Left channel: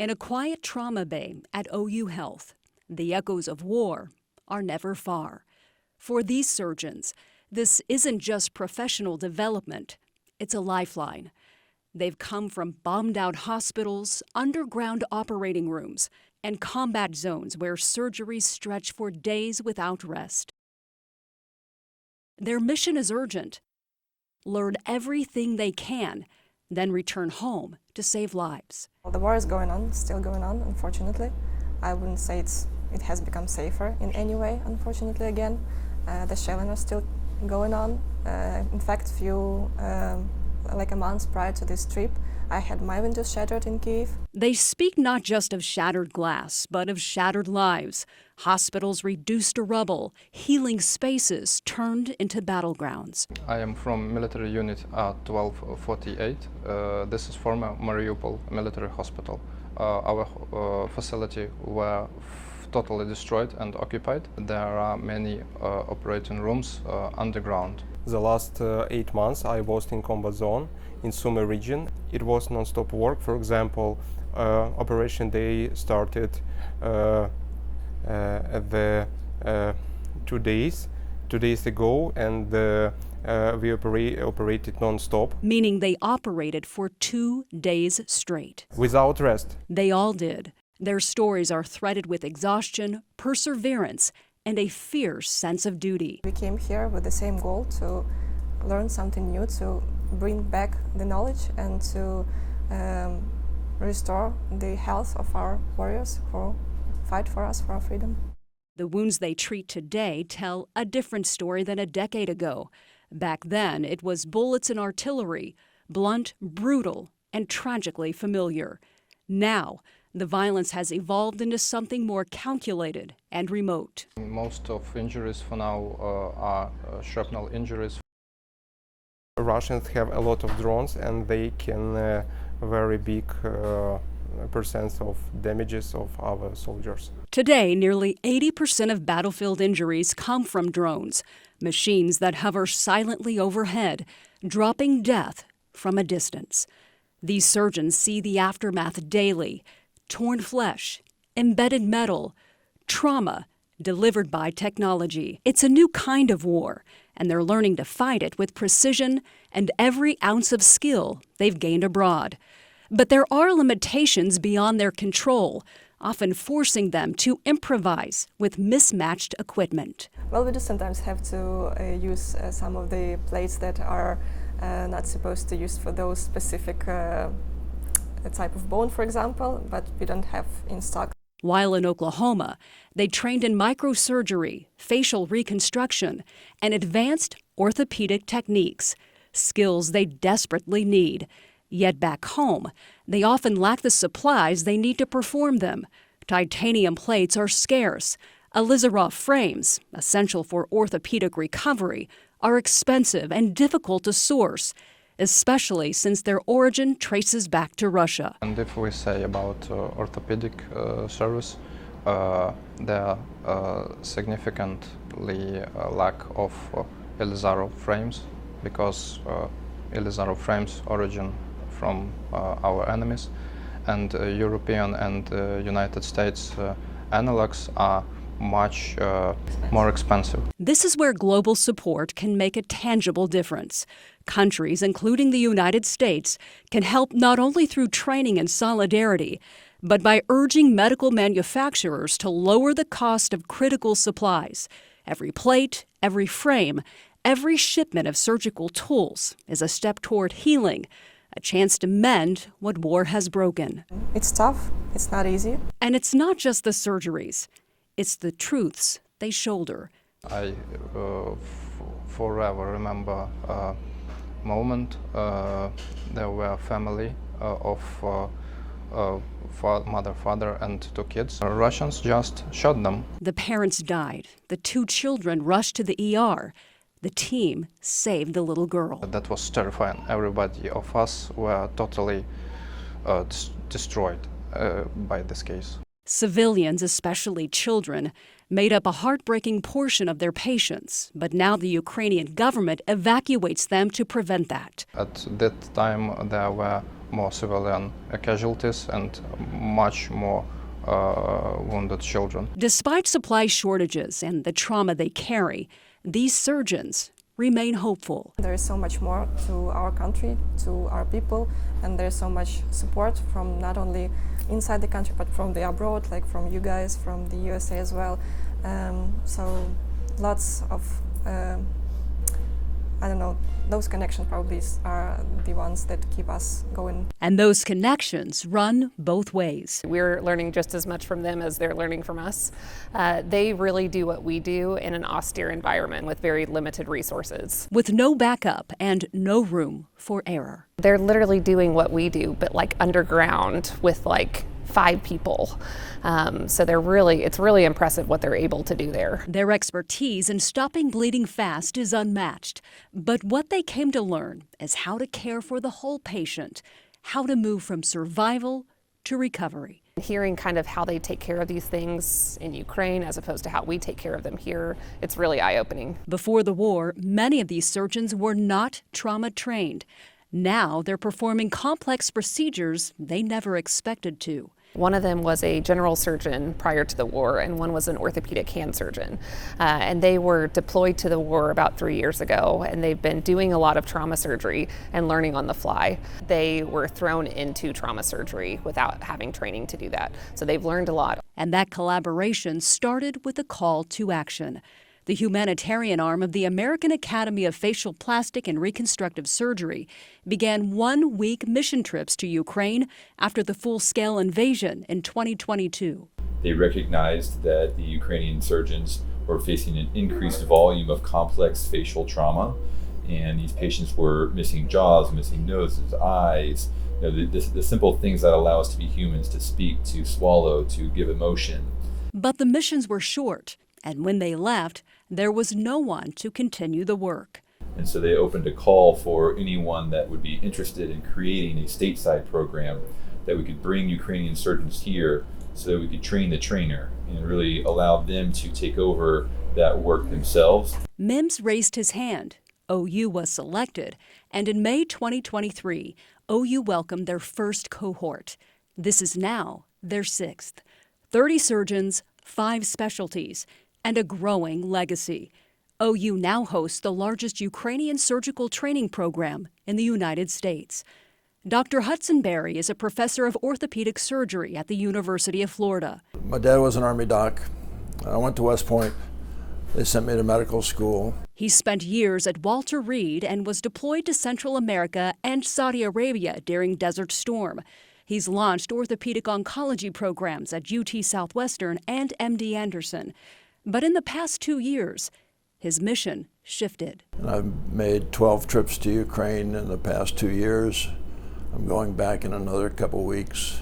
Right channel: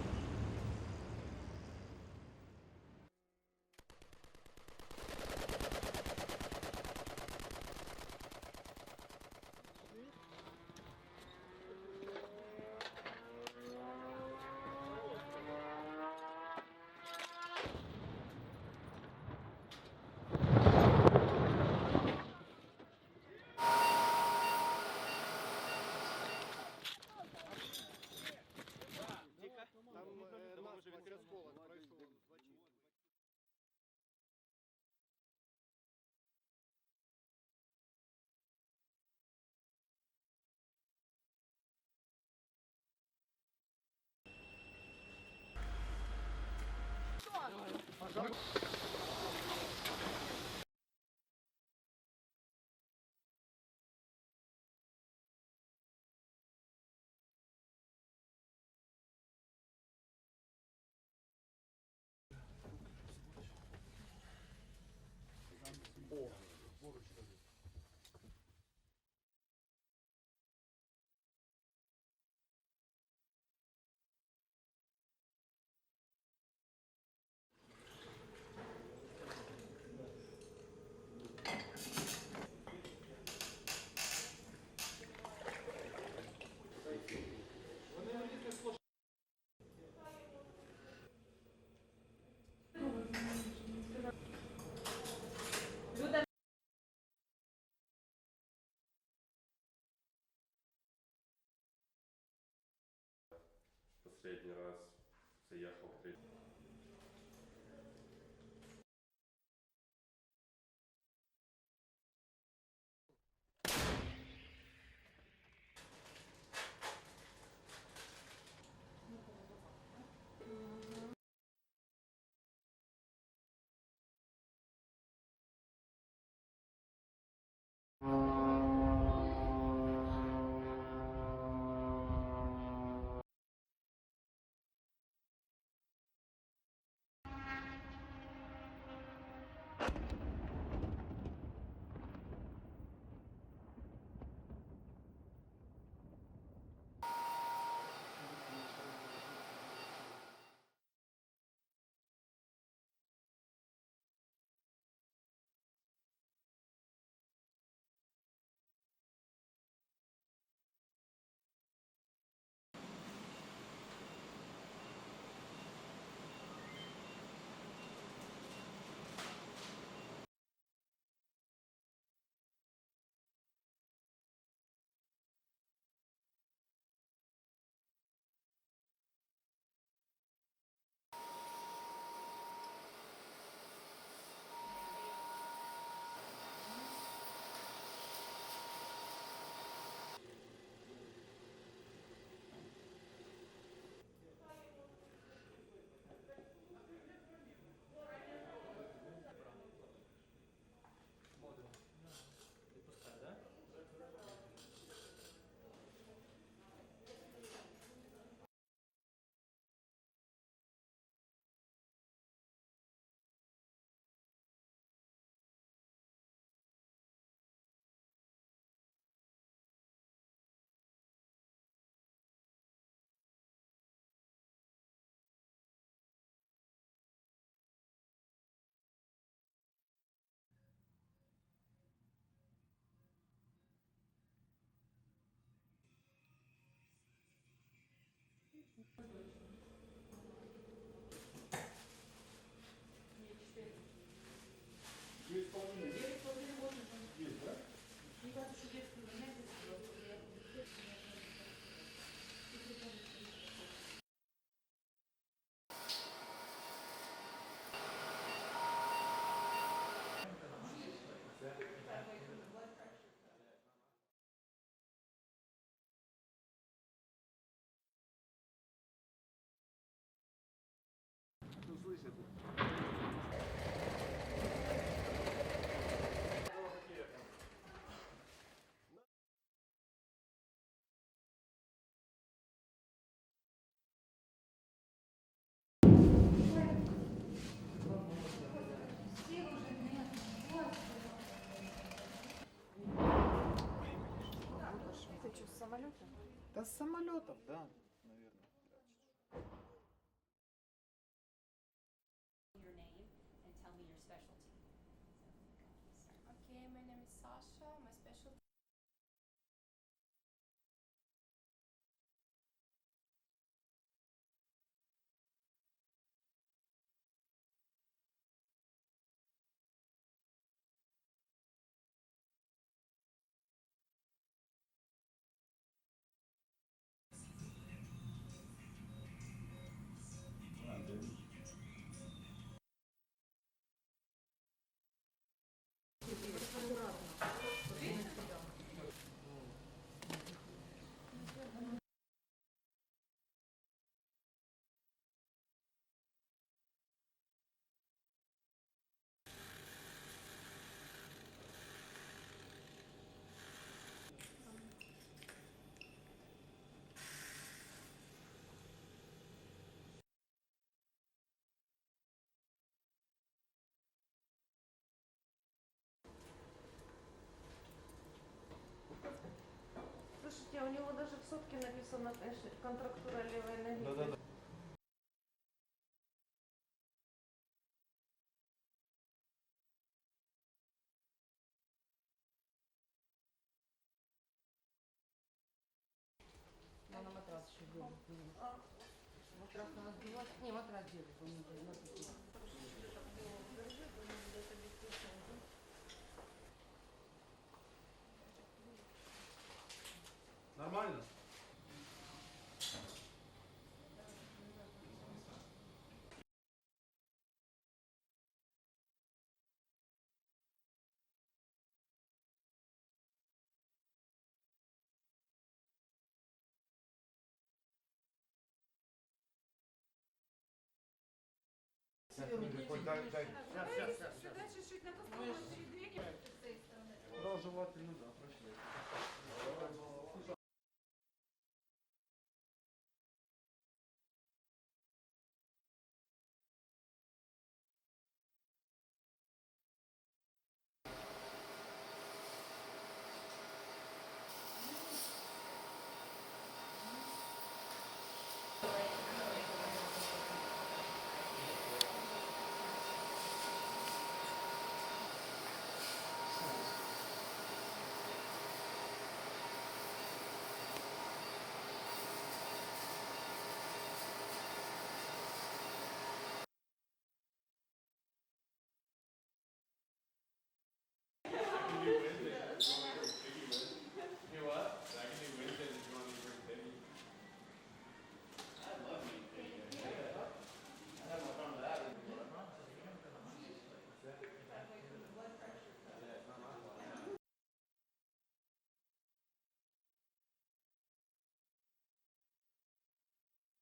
In a quiet trauma bay at OU Health, the echoes of war are never far. For these surgeons, this isn't just professional development, it's a lifeline. They've come from bombed-out hospitals, underground operating rooms, and combat zones where surgeries stretch for days without rest. Their mission is urgent. Learn everything they can, then return home to save lives. Well, the war is going on, still going on, unfortunately. I wouldn't say it has become safer in any way, unfortunately, again. The shelling are still going on. In fact, like a month prior to this trip, I had my windows shattered in Kyiv. They speak not just of shattered glass, but of shattered lives. Hospitals reduced to rubble, healing spaces turned into battlegrounds. I am from military unit 1248. This is former Mariupol military hospital. Our facility were totally destroyed and occupied. There are many operating rooms underground. The last 8 months I was in combat zone in Sumy region. It was non-stop work. For example, operation day started at the 2 days ago, and we operated non-stop. Meaning they operated for 2 days straight. Without rest. They all did. Their stories are threaded with exhaustion, perseverance, and a fierce sense of duty. We came here with the same goal, to learn something new, to bring back the knowledge and to restore the health of our warriors who fight for us, for our freedom. The wounds they treat today tell a different story than a decade ago. Back then, it was bullets and artillery, blunt, brutal, and tragically familiar. Now, the violence has evolved into something more calculated and remote. Most of injuries for now are shrapnel injuries. Russians have a lot of drones, and they can very big percents of damages of our soldiers. Today, nearly 80% of battlefield injuries come from drones, machines that hover silently overhead, dropping death from a distance. These surgeons see the aftermath daily: torn flesh, embedded metal, trauma delivered by technology. It's a new kind of war, and they're learning to fight it with precision and every ounce of skill they've gained abroad. But there are limitations beyond their control, often forcing them to improvise with mismatched equipment. Well, we do sometimes have to use some of the plates that are not supposed to use for those specific type of bone, for example, but we don't have in stock. While in Oklahoma, they trained in microsurgery, facial reconstruction, and advanced orthopedic techniques, skills they desperately need. Yet back home, they often lack the supplies they need to perform them. Titanium plates are scarce. Alizarov frames, essential for orthopedic recovery, are expensive and difficult to source, especially since their origin traces back to Russia. And if we say about orthopedic service, there are significantly lack of Alizarov frames, because Alizarov frames origin from our enemies, and European and United States analogs are much more expensive. This is where global support can make a tangible difference. Countries, including the United States, can help not only through training and solidarity, but by urging medical manufacturers to lower the cost of critical supplies. Every plate, every frame, every shipment of surgical tools is a step toward healing, a chance to mend what war has broken. It's tough, it's not easy. And it's not just the surgeries, it's the truths they shoulder. I forever remember a moment. There were a family of mother, father, and 2 kids. Russians just shot them. The parents died. The 2 children rushed to the ER. The team saved the little girl. That was terrifying. Everybody of us were totally destroyed by this case. Civilians, especially children, made up a heartbreaking portion of their patients, but now the Ukrainian government evacuates them to prevent that. At that time there were more civilian casualties and much more wounded children. Despite supply shortages and the trauma they carry, these surgeons remain hopeful. There is so much more to our country, to our people, and there's so much support from not only inside the country but from the abroad, like from you guys, from the USA as well. So lots of, I don't know, those connections probably are the ones that keep us going. And those connections run both ways. We're learning just as much from them as they're learning from us. They really do what we do in an austere environment with very limited resources. With no backup and no room for error. They're literally doing what we do, but like underground with like 5 people. So it's really impressive what they're able to do there. Their expertise in stopping bleeding fast is unmatched. But what they came to learn is how to care for the whole patient, how to move from survival to recovery. Hearing kind of how they take care of these things in Ukraine as opposed to how we take care of them here, it's really eye-opening. Before the war, many of these surgeons were not trauma trained. Now they're performing complex procedures they never expected to. One of them was a general surgeon prior to the war, and one was an orthopedic hand surgeon. And they were deployed to the war about 3 years ago, and they've been doing a lot of trauma surgery and learning on the fly. They were thrown into trauma surgery without having training to do that. So they've learned a lot. And that collaboration started with a call to action. The humanitarian arm of the American Academy of Facial Plastic and Reconstructive Surgery began 1-week mission trips to Ukraine after the full-scale invasion in 2022. They recognized that the Ukrainian surgeons were facing an increased volume of complex facial trauma, and these patients were missing jaws, missing noses, eyes, the simple things that allow us to be humans, to speak, to swallow, to give emotion. But the missions were short, and when they left, there was no one to continue the work. And so they opened a call for anyone that would be interested in creating a stateside program that we could bring Ukrainian surgeons here so that we could train the trainer and really allow them to take over that work themselves. Mims raised his hand. OU was selected, and in May 2023, OU welcomed their first cohort. This is now their 6th. 30 surgeons, 5 specialties, and a growing legacy. OU now hosts the largest Ukrainian surgical training program in the United States. Dr. Hudson Berry is a professor of orthopedic surgery at the University of Florida. My dad was an Army doc. I went to West Point. They sent me to medical school. He spent years at Walter Reed and was deployed to Central America and Saudi Arabia during Desert Storm. He's launched orthopedic oncology programs at UT Southwestern and MD Anderson. But in the past 2 years, his mission shifted. I've made 12 trips to Ukraine in the past 2 years. I'm going back in another couple weeks.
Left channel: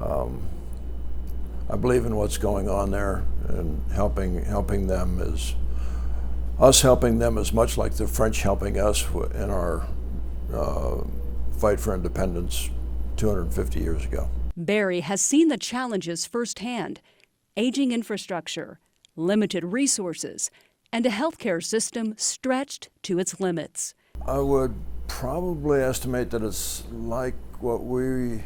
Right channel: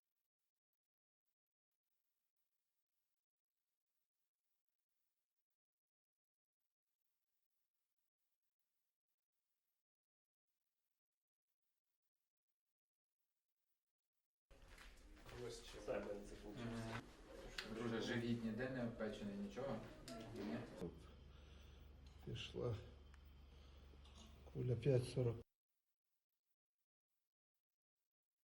I believe in what's going on there, and helping them is us helping them is much like the French helping us in our fight for independence 250 years ago. Barry has seen the challenges firsthand: aging infrastructure, limited resources, and a healthcare system stretched to its limits. I would probably estimate that it's like what we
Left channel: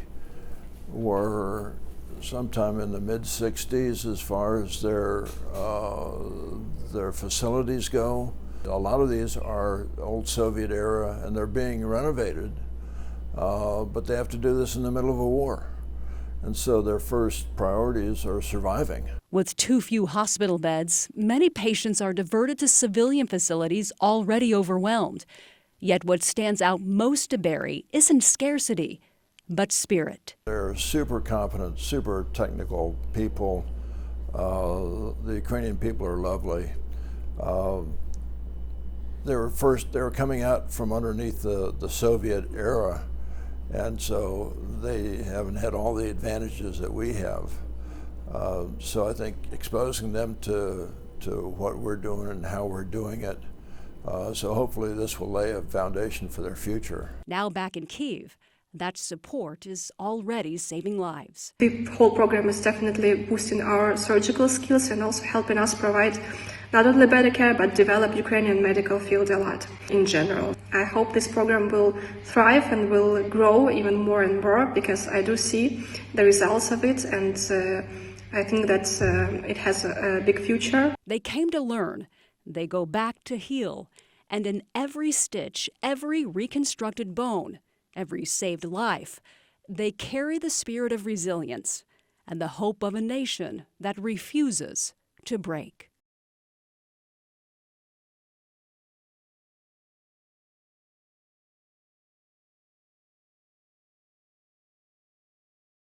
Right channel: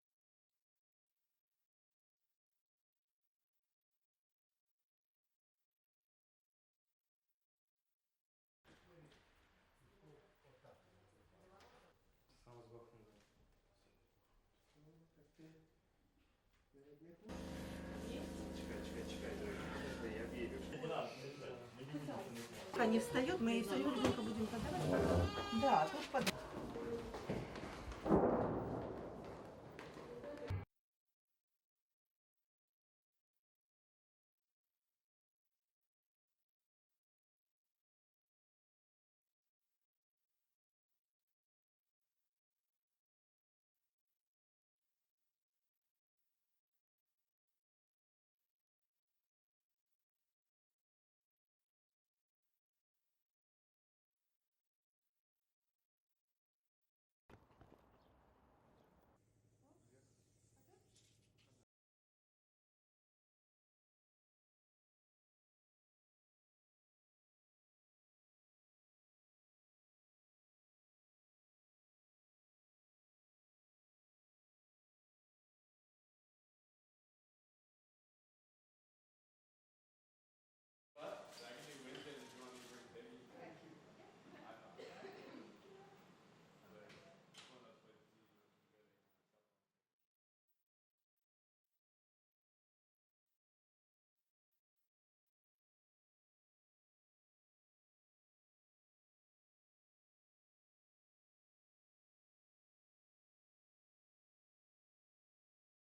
were sometime in the mid-60s as far as their facilities go. A lot of these are old Soviet era, and they're being renovated, but they have to do this in the middle of a war. And so their first priorities are surviving. With too few hospital beds, many patients are diverted to civilian facilities already overwhelmed. Yet what stands out most to Barry isn't scarcity, but spirit. They're super competent, super technical people. The Ukrainian people are lovely. They were coming out from underneath the Soviet era, and so they haven't had all the advantages that we have. So I think exposing them to what we're doing and how we're doing it, so hopefully this will lay a foundation for their future. Now back in Kyiv, That support is already saving lives. The whole program is definitely boosting our surgical skills and also helping us provide not only better care but develop Ukrainian medical field a lot in general. I hope this program will thrive and will grow even more and more because I do see the results of it, and I think that it has a big future. They came to learn, they go back to heal, and in every stitch, every reconstructed bone, every saved life, they carry the spirit of resilience and the hope of a nation that refuses to break.